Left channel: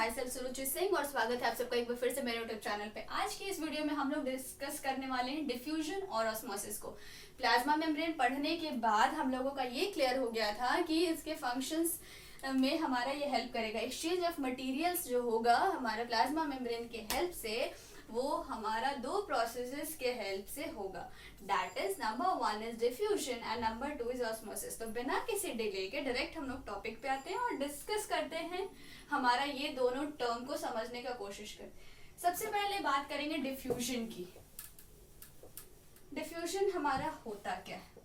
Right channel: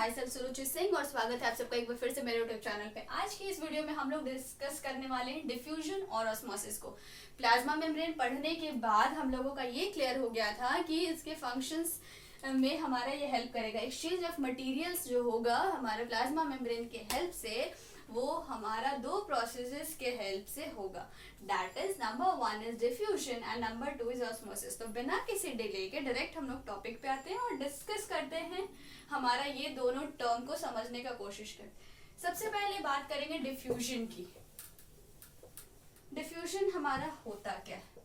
My self सुरुचि सिंह और स्वागत है आप सबका एक बार फिर से मेरे यूट्यूब चैनल पे। आज की इस वीडियो में हम लोग डिस्कस करने वाले हैं डिफ्यूजन और ऑस्मोसिस को। प्लाज्मा मेम्ब्रेन पढ़ने के बाद हम लोगों का ये क्लियर हो गया था कि इसके फंक्शंस में हमारा ये हेल्प करेगा। एक्सचेंज ऑफ मटेरियल्स जो होगा हमारे प्लाज्मा मेम्ब्रेन के हेल्प से, वो हमारा दो प्रोसेसेस के हेल्प से होगा। That is number 1 is diffusion and number 2 is osmosis. तो बिना किसी डिले के डायरेक्ट हम लोग टॉपिक पे आते हैं और डिस्कस करते हैं हमारा ये दोनों टर्म को समझने का कोशिश करते। सबसे पहले बात करेंगे डिफ्यूजन की। डिफ्यूजन हमारा होता क्या है,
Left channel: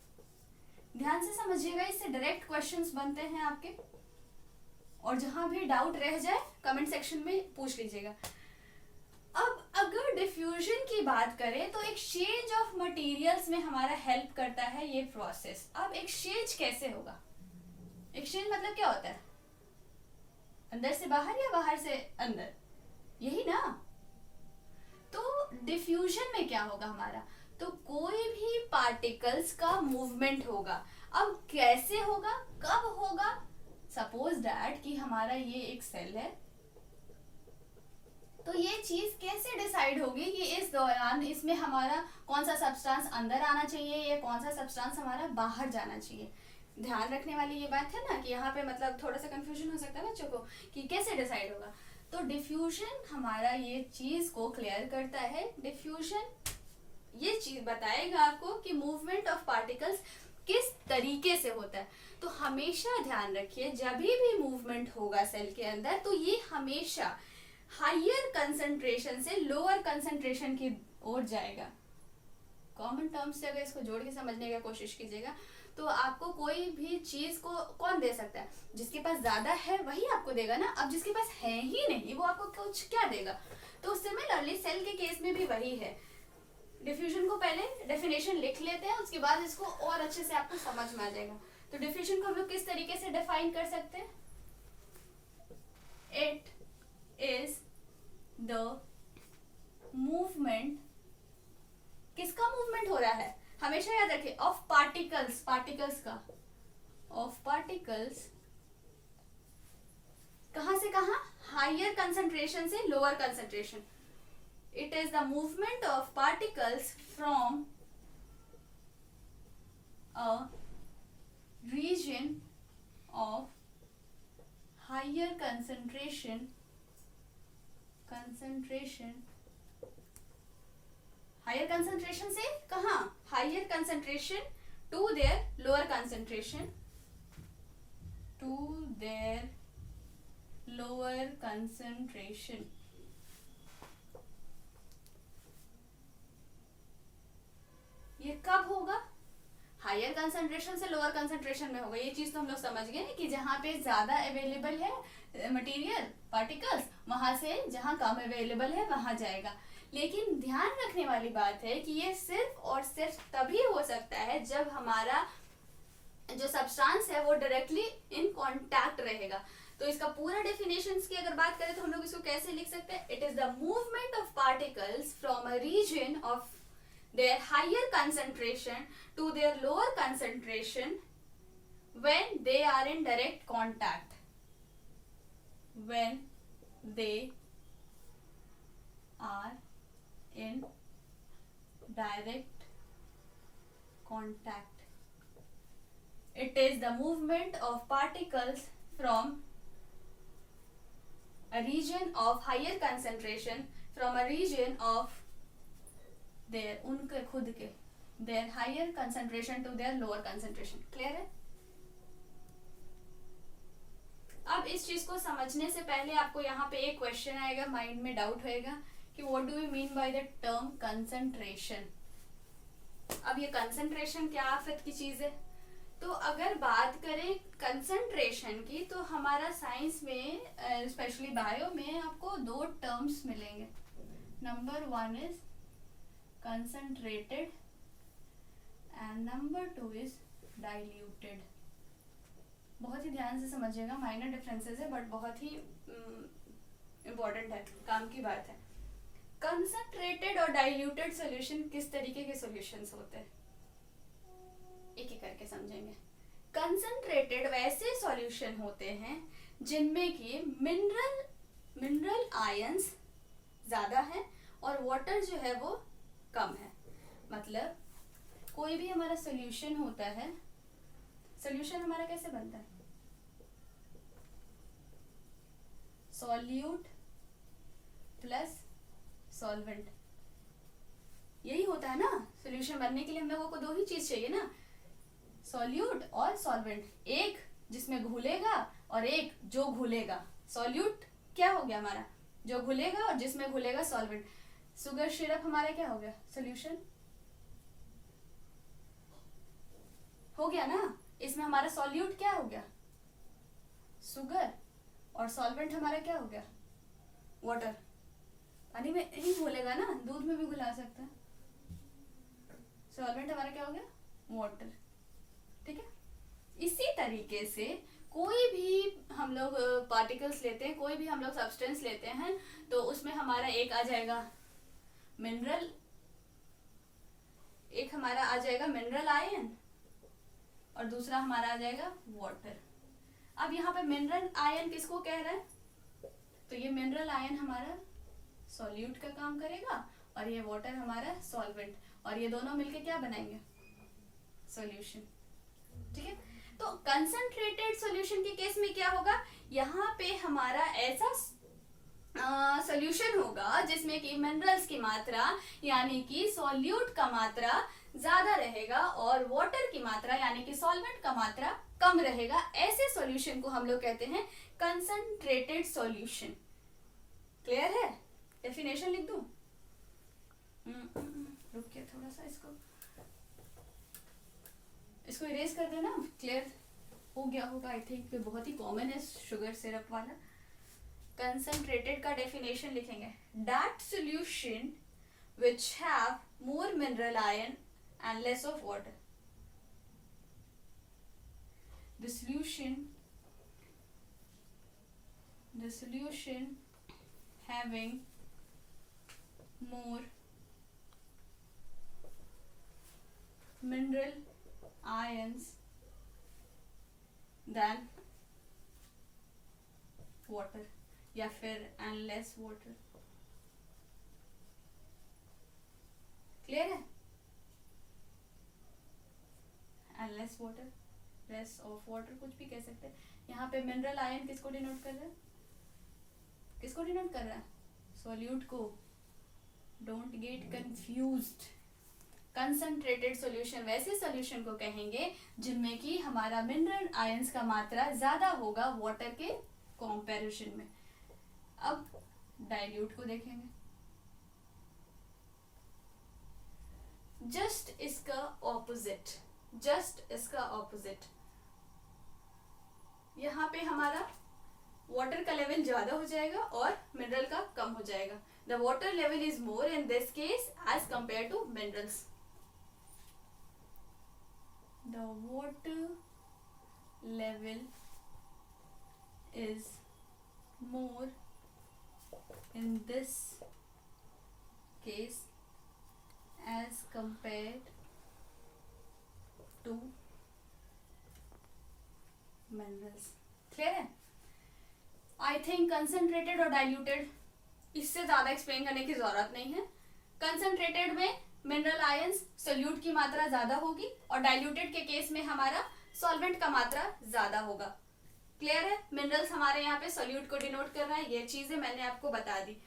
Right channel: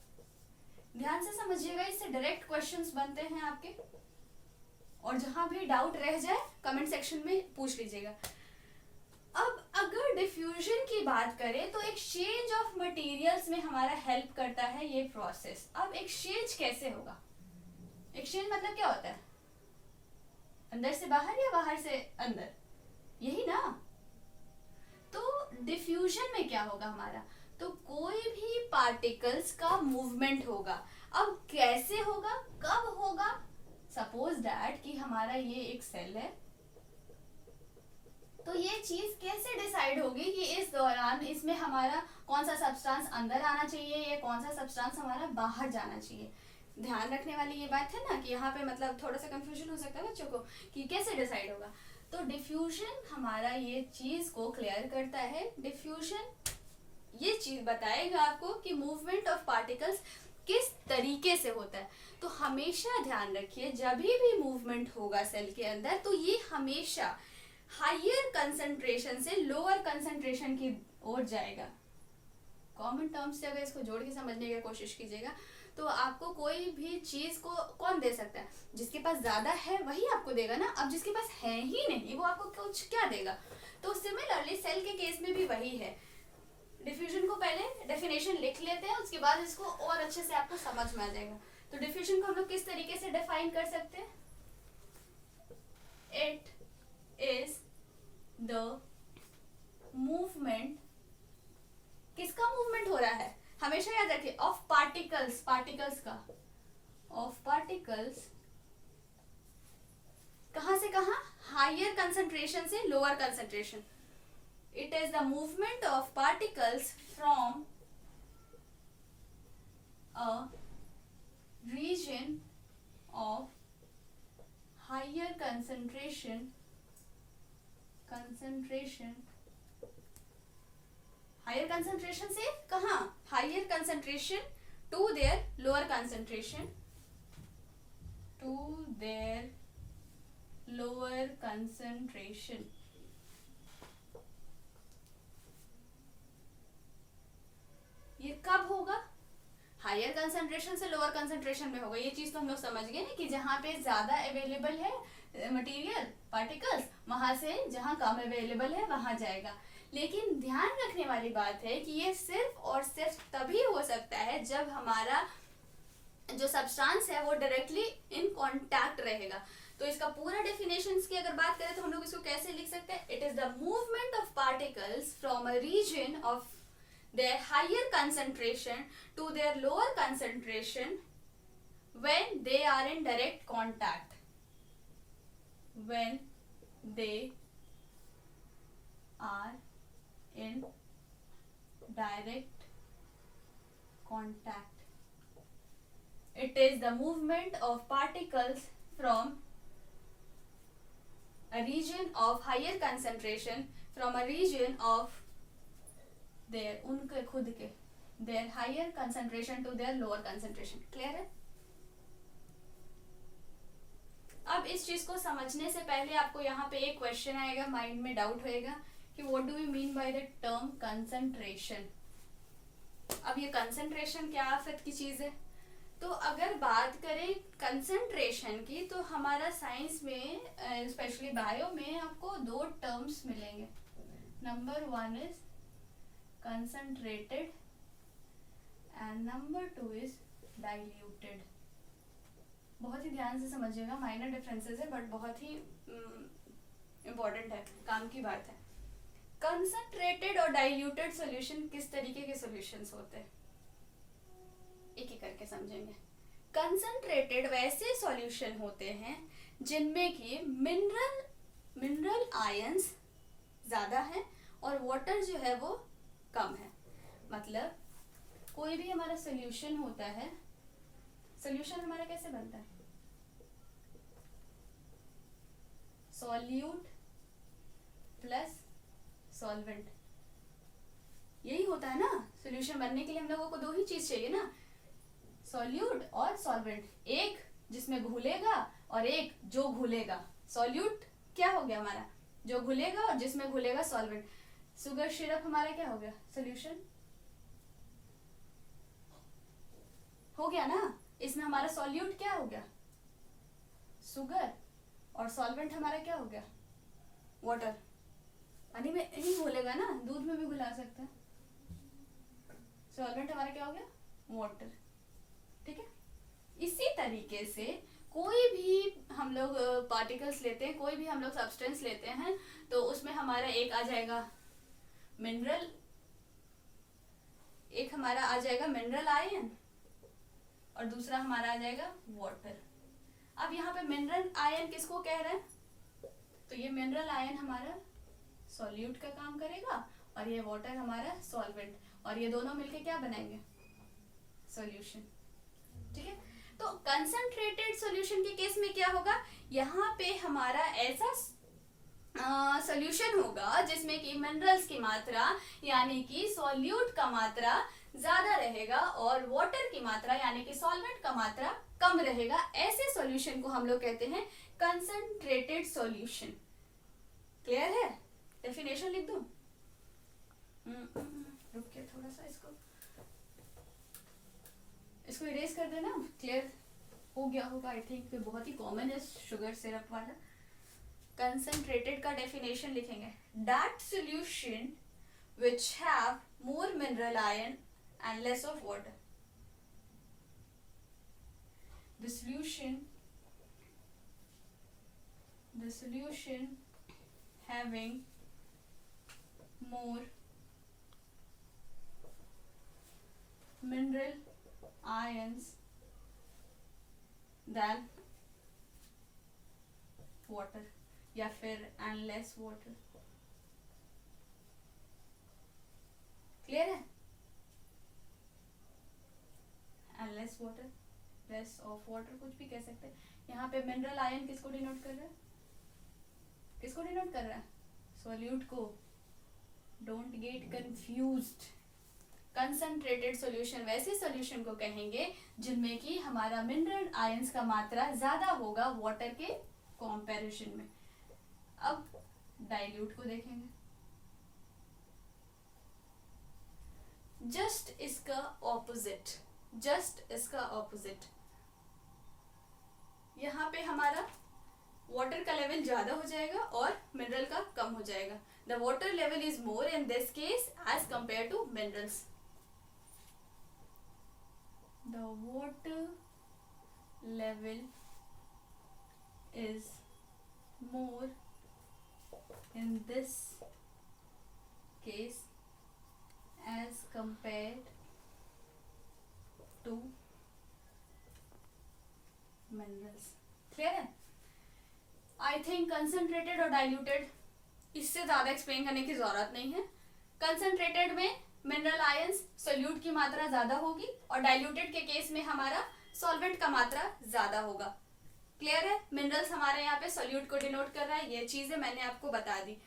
ध्यान से समझिएगा, इससे डायरेक्ट क्वेश्चंस बनते हैं आपके, और जहां भी डाउट रह जाए कमेंट सेक्शन में पूछ लीजिएगा। अब अगर डिफ्यूजन की बात करें तो एक्सचेंज ऑफ मटेरियल्स में हमारा हेल्प करता है ये प्रोसेस। अब एक्सचेंज कैसे होगा? एक्सचेंज मतलब क्या होता है? अंदर से बाहर या बाहर से अंदर, यही ना। तो डिफ्यूजन में क्या होगा हमारा? तो कोई भी पार्टिकल्स का मूवमेंट होगा। अब कैसे होगा, कब होगा? सपोज दैट कि हमारा ये एक सेल है, तो ये चीज कैसे डिसाइड होगी कि इस दौरान इसमें हमारा कौन सा सब्सटेंस अंदर आना चाहिए या कौन सा सब्सटेंस हमारा बाहर जाना चाहिए? ध्यान रखने वाली ये बात है ना कि यहाँ पे मतलब थोड़ा सा कंफ्यूजन हो सकता है बच्चों को कि कैसे डिसाइड होगा। तो डिफ्यूजन हमारा ये चीज को क्लियर करता है। डिफ्यूजन ये चीज बताएगा आपको कि मूवमेंट ऑफ पार्टिकल्स किस तरीके से होता है। तो हमेशा ध्यान रखिए, जब भी मूवमेंट होगा सेल के अंदर, तो ये हमेशा हायर कंसंट्रेशन से लोअर कंसंट्रेशन की ओर जाएगा। कॉमन टर्म्स से अगर इसको जोड़ के समझने की कोशिश कीजिएगा तो आपको कोई भी चीज को कौन दे सकता है? जिसके पास ज्यादा है वही आपको देगा ना। अब जिसके पास है ही नहीं वो आपको कुछ क्या देगा? तो सिमिलरली सेल के केस में भी वही है। डिफ्यूजन को पहले डेफिनेशन लिख लेते हैं, उसके बाद इसको और अच्छे से आपको समझ में आ जाएगा। तो डिफ्यूजन को हम लोग किस तरीके से डिफाइन कर सकते हैं? इट इज द मूवमेंट, किसका मूवमेंट हो रहा है? हमेशा याद रखिए, ऑफ पार्टिकल्स, पार्टिकल्स का, ऑफ पार्टिकल्स कहां से कहां? हायर कंसंट्रेशन से lower concentration. It is the movement of particles from a region of higher concentration higher concentration से कहां? Higher concentration to their lower concentration, to their lower concentration. ये कब होगा? हायर कंसंट्रेशन से लोअर कंसंट्रेशन में होगा। ये चीज तो हम लोग समझ गए ना कि जहां पे ज्यादा अवेलेबल है मटेरियल पार्टिकल्स, वहां से जहां कम अवेलेबल है वहां जाएगा। लेकिन ध्यान रखने वाली बात है कि ये सिर्फ और सिर्फ तभी हो सकता है जब हमारा जो सब्सटेंस है वो डायरेक्टली इन कांटेक्ट रहेगा। तो इसका पूरा डेफिनेशन की अगर बात करें तो हम लोग इसको कैसे लिख सकते हैं? It is the movement of particles from a region of their higher concentration to their lower concentration when they are in direct contact, when they are in direct contact. It is the movement of particles from a region of higher concentration, from a region of their उनके खुद के their higher concentration to their lower concentration। Clear है? अब इस चीज को समझने से पहले आपको यहाँ पे एक क्वेश्चन आएगा, माइंड में डाउट होएगा कि what do we mean by the term concentration. अब ये कंसंट्रेशन क्या आफत की चीज है? तो अगर बात करें कंसंट्रेशन की तो हमारा साइंस में स्पेशली बायो में आपको दो टर्म्स मिलेंगे। Number 1 is concentrated and number 2 is diluted। बहुत ही ध्यान से समझिएगा, माइनर डिफरेंसेस है बट बहुत ही इंपॉर्टेंट है, काम की बात है। कंसंट्रेटेड और डाइल्यूटेड सॉल्यूशन किस तरीके के सॉल्यूशंस होते हैं, एक एक करके समझेंगे। कंसंट्रेटेड वैसे सॉल्यूशन होते हैं जिनमें कि मिनरल मिनरल आयंस ज़्यादा है और वाटर जो है वो कम है। मतलब कोई भी हमारा सोल्यूशन होता है, सोल्यूशन हमारा कैसे बनता है? सॉल्यूट प्लस सॉल्वेंट, यही होता है ना। सोल्यूशन बनने के लिए हम लोगों को दो ही चीज चाहिए ना, सॉल्यूट और सॉल्वेंट, एक जिसमें घुलेगा और एक जो घुलेगा। सॉल्यूट क्या हो गया हमारा? जो घुलेगा, और जिसमें घुलेगा सॉल्वेंट। शुगर सिरप हमारा क्या हो गया? सोल्यूशन हो गया ना। इसमें हमारा सॉल्यूट क्या हो गया? शुगर, और सॉल्वेंट हमारा क्या हो गया? वाटर। पानी में ही घुलेगा ना, दूध में भी घुला सकते हैं। सॉल्वेंट हमारा क्या हो गया? वाटर। ठीक है। इसी तरीके से कोई भी हम लोग पार्टिकल्स लेते हैं, कोई भी हम लोग सब्सटेंस लेते हैं, तो उसमें हमारा एक आ जाएगा मिनरल, एक हमारा आ जाएगा मिनरल आयन, और दूसरा हमारा आ जाएगा वाटर। अब यहाँ पे मिनरल आयन किसको कह रहे हैं? तो ये मिनरल आयन हमारा सॉल्यूट का काम करेगा और ये वाटर हमारा सॉल्वेंट, और ये दोनों मिलके क्या बनाएंगे? सॉल्यूशन। ठीक है। तो कंसंट्रेटेड सॉल्यूशन के केस में क्या होगा? यहाँ पे हमारा ऐसा सॉल्यूशन होगा जिसमें कि मिनरल्स की मात्रा यानी कि सॉल्यूट का मात्रा ज्यादा रहेगा और वाटर की मात्रा यानी कि सॉल्वेंट का मात्रा कम रहेगा। ऐसे सॉल्यूशन को हम लोग कहते हैं कंसंट्रेटेड सॉल्यूशन। क्लियर है? डेफिनेशन लिख दूं? रुकिए थोड़ा सा, इसको इरेज कर देना। क्लियर हो गया होगा आई थिंक। बहुत ही कॉमन है शुगर सिरप वाला। कंसंट्रेटेड का डेफिनेशन लिखेंगे, that solution which have more mineral iron and less of water. The solution having more mineral ions than water, या फिर and less water. क्लियर है? and less water, less of water, कुछ भी कह सकते हैं। यहाँ पे मिनरल आयन किसको डिनोट कर रहा है? किसको डिनोट कर रहा है? सॉल्यूट को। Don't get confused. Concentrated solution वैसे सॉल्यूशन को कहेंगे जिनमें कि हमारा मिनरल आयंस का मात्रा ज्यादा होगा वाटर के कंपैरिजन में। अब डाइल्यूट को देखेंगे। जस्ट इसका ऑपोजिट, यहाँ पे हमारा वाटर का लेवल ज्यादा हो जाएगा और मिनरल का कम हो जाएगा। The water level is more in this case as compare to minerals. द वाटर लेवल इज मोर in this case as compared to minerals. Clear है? आई थिंक कंसंट्रेटेड और डाइल्यूटेड इससे ज्यादा एक्सप्लेन करने की जरूरत नहीं है। कंसंट्रेटेड में मिनरल आयंस सोल्यूट की मात्रा ज्यादा होगी और डाइल्यूटेड के केस में हमारा सॉल्वेंट का मात्रा ज्यादा होगा। क्लियर है? मिनरल्स हमारे यहाँ पे सोल्यूट को डिनोट कर रहा है, ये चीजें मैंने आपको बता दी।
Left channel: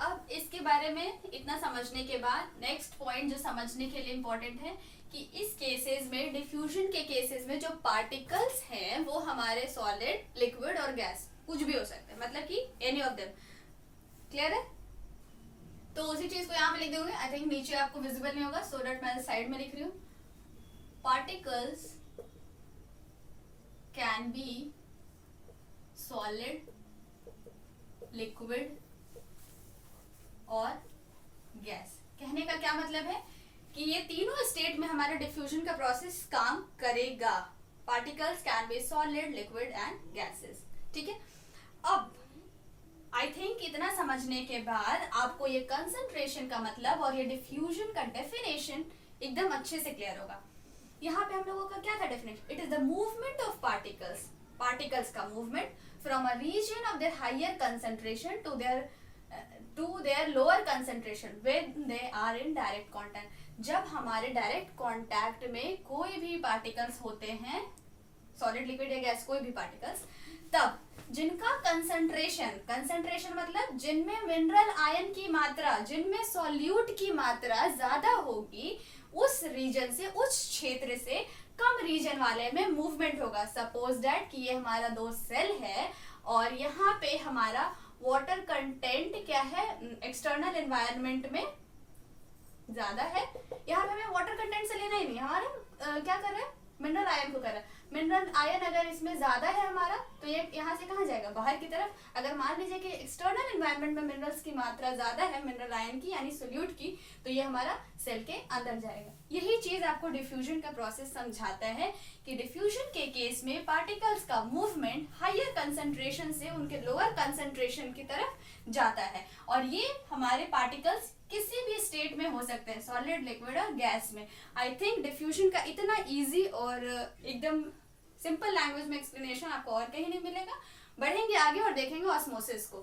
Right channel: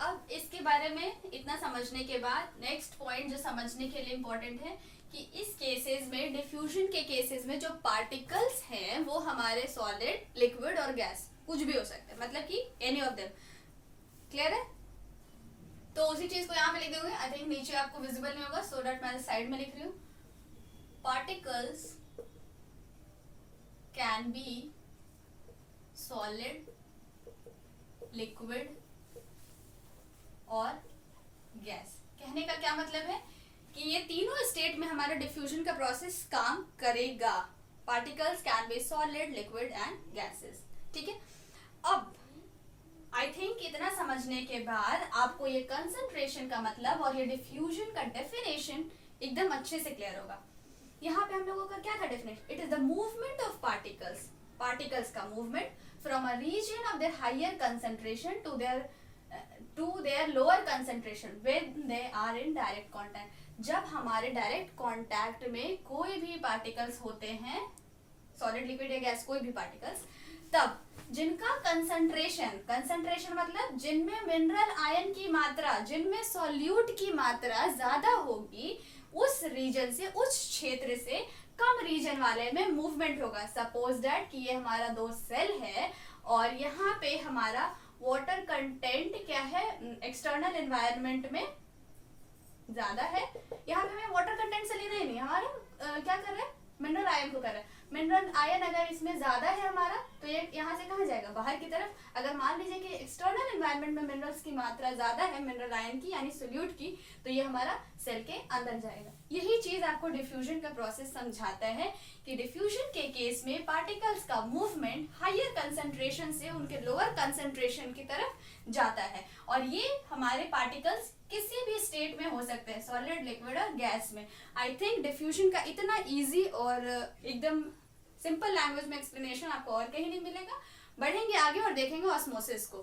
अब इसके बारे में इतना समझने के बाद नेक्स्ट पॉइंट जो समझने के लिए इम्पोर्टेंट है कि इस केसेस में, डिफ्यूजन के केसेस में जो पार्टिकल्स हैं वो हमारे सॉलिड, लिक्विड और गैस कुछ भी हो सकता है, मतलब कि एनी ऑफ देम। क्लियर है? तो उसी चीज को यहाँ पे लिख दोगे। आई थिंक नीचे आपको विजिबल नहीं होगा, सो दैट मैं साइड में लिख रही हूँ। Particles can be solid, liquid और गैस। कहने का क्या मतलब है कि ये तीनों स्टेट में हमारा डिफ्यूजन का प्रोसेस काम करेगा। Particles can be solid, liquid and gases. ठीक है। अब आई थिंक इतना समझने के बाद आपको ये कंसंट्रेशन का मतलब और ये डिफ्यूजन का डेफिनेशन एकदम अच्छे से क्लियर होगा। यहाँ पे हम लोगों का क्या था definition? It is the movement of particles particles का movement from a region of their higher concentration to their lower concentration when they are in direct contact. जब हमारे डायरेक्ट कांटेक्ट में कोई भी पार्टिकल्स होते हैं, सॉलिड लिक्विड या gas कोई भी पार्टिकल्स, तब जिनका कंसंट्रेशन मतलब जिनमें मिनरल आयन की मात्रा, जिनमें सॉल्यूट की मात्रा ज्यादा होगी, उस रीजन से, उस क्षेत्र से कम रीजन वाले में मूवमेंट होगा। सपोज दैट कि ये हमारा 2 सेल है और यहाँ पे हमारा वाटर कंटेंट क्या है, एक्सटर्नल एनवायरनमेंट में ज्यादा है। यहाँ पे हमें वाटर कंटेंट से लेना ही नहीं, हमारा क्या कर रहे हैं, मिनरल आयन को कर रहा है। मिनरल आयन अगर इसमें ज्यादा है हमारा, तो ये यहाँ से कहाँ जाएगा, बाहर की तरफ। अगर मान लीजिए कि एक्सटर्नल एनवायरनमेंट में मिनरल्स की मात्रा ज्यादा है, मिनरल आयन की यानी सोल्यूट की, तो ये हमारा सेल के अंदर जाएगा। यही चीज आपको डिफ्यूजन का प्रोसेस समझाता है कि डिफ्यूजन के केस में पार्टिकल्स का मूवमेंट हायर कंसेंट्रेशन से उनके लोअर कंसेंट्रेशन की तरफ जाता है। और ये हमारे पार्टिकल्स किसी भी स्टेट में हो सकते हैं, सॉलिड, लिक्विड और गैस में। आई थिंक डिफ्यूजन का इतना इजी और एकदम सिंपल लैंग्वेज में एक्सप्लेनेशन आपको और कहीं नहीं मिलेगा। बढ़ेंगे आगे और देखेंगे ऑस्मोसिस को।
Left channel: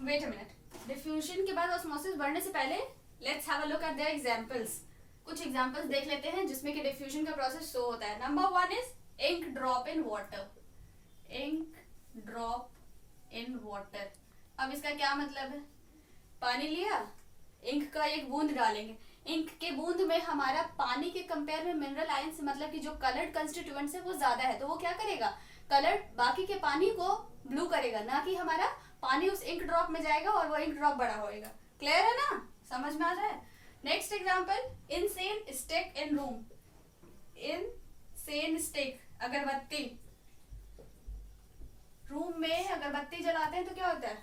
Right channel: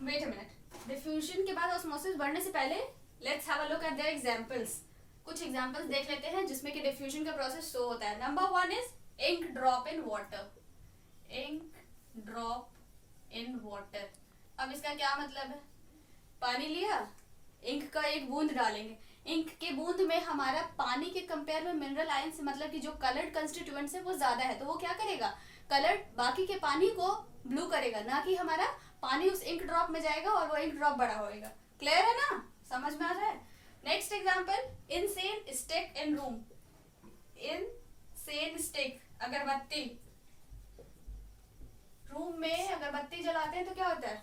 वेट अ मिनट, डिफ्यूजन के बाद ऑस्मोसिस बढ़ने से पहले let's have a look at the examples. कुछ एग्जांपल्स देख लेते हैं जिसमें कि डिफ्यूजन का प्रोसेस शो होता है। Number 1 is ink drop in water. Ink drop in water, अब इसका क्या मतलब है, पानी लिया, इंक का एक बूंद डालेंगे, इंक के बूंद में हमारा पानी के कंपेयर में मिनरल आयन से मतलब कि जो कलर्ड कंस्टिट्यूएंट्स है वो ज्यादा है, तो वो क्या करेगा, कलर्ड बाकी के पानी को ब्लू करेगा, ना कि हमारा पानी उस इंक ड्रॉप में जाएगा और वो इंक ड्रॉप बड़ा होएगा। क्लियर है ना, समझ में आ जाए। Next example, insane stick in room. Insane stick, अगरबत्ती, रूम में अगरबत्ती जलाते हैं तो क्या होता है,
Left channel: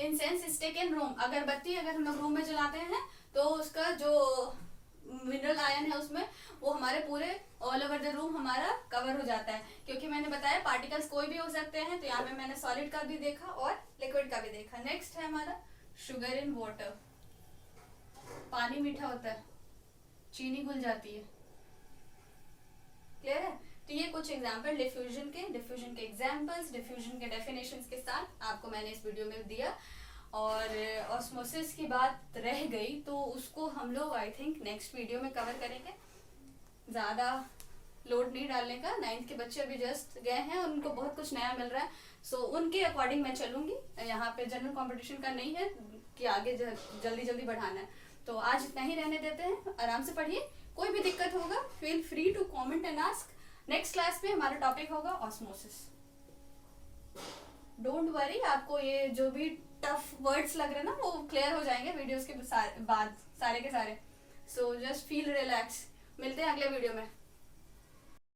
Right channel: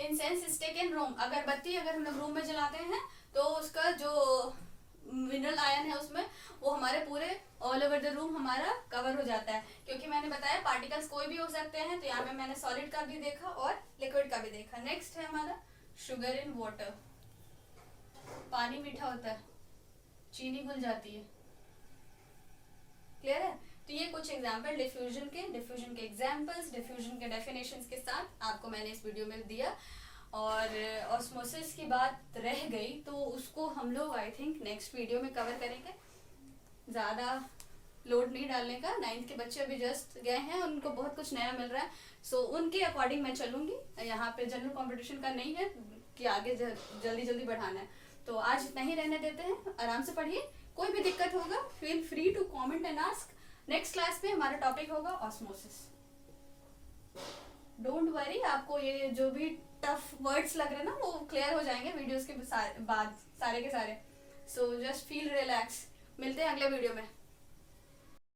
इंसेंस स्टिक इन रूम। अगरबत्ती अगर हम लोग रूम में जलाते हैं तो उसका जो मिनरल आयन है उसमें वो हमारे पूरे ऑल ओवर द रूम हमारा कवर हो जाता है, क्योंकि मैंने बताया पार्टिकल्स कोई भी हो सकते हैं। तो यहाँ पे मैंने सॉलिड का भी देखा और लिक्विड का भी देखा। नेक्स्ट है हमारा शुगर इन वाटर। पानी मीठा होता है, चीनी घुल जाती है। क्लियर है। तो ये कुछ एग्जाम्पल डिफ्यूजन के एग्जाम्पल्स, डिफ्यूजन के डेफिनेशंस के साथ आपको मैंने इस वीडियो में दिया। और ऑस्मोसिस की बात रह गई तो उसको हम लोग आई थिंक नेक्स्ट वीडियो में कवर करेंगे। ज़्यादा लोड नहीं डालने का, 9th के बच्चे अभी जस्ट गए हैं, उनको बहुत कुछ नया मिल रहा है। सो उनके अकॉर्डिंग मैं चलूँगी। यहाँ पे जनरल कॉम्पिटिशन का नहीं है कि आगे जल्दी जल्दी बढ़ाना है। तो आज इतना ही रहने देते हैं, आराम से पढ़िए। कोई भी दिक्कत होगा feel free to comment and ask. Next class में हमारा टॉपिक होगा ऑस्मोसिस। डोंट वरी, आपको ये जो भी टफ वर्ड्स लग रहे हैं ना वो क्लियर हो जाएंगे वीडियोस के बाद सारे के सारे। So just feel relax. मिलते हैं अगले वीडियो में।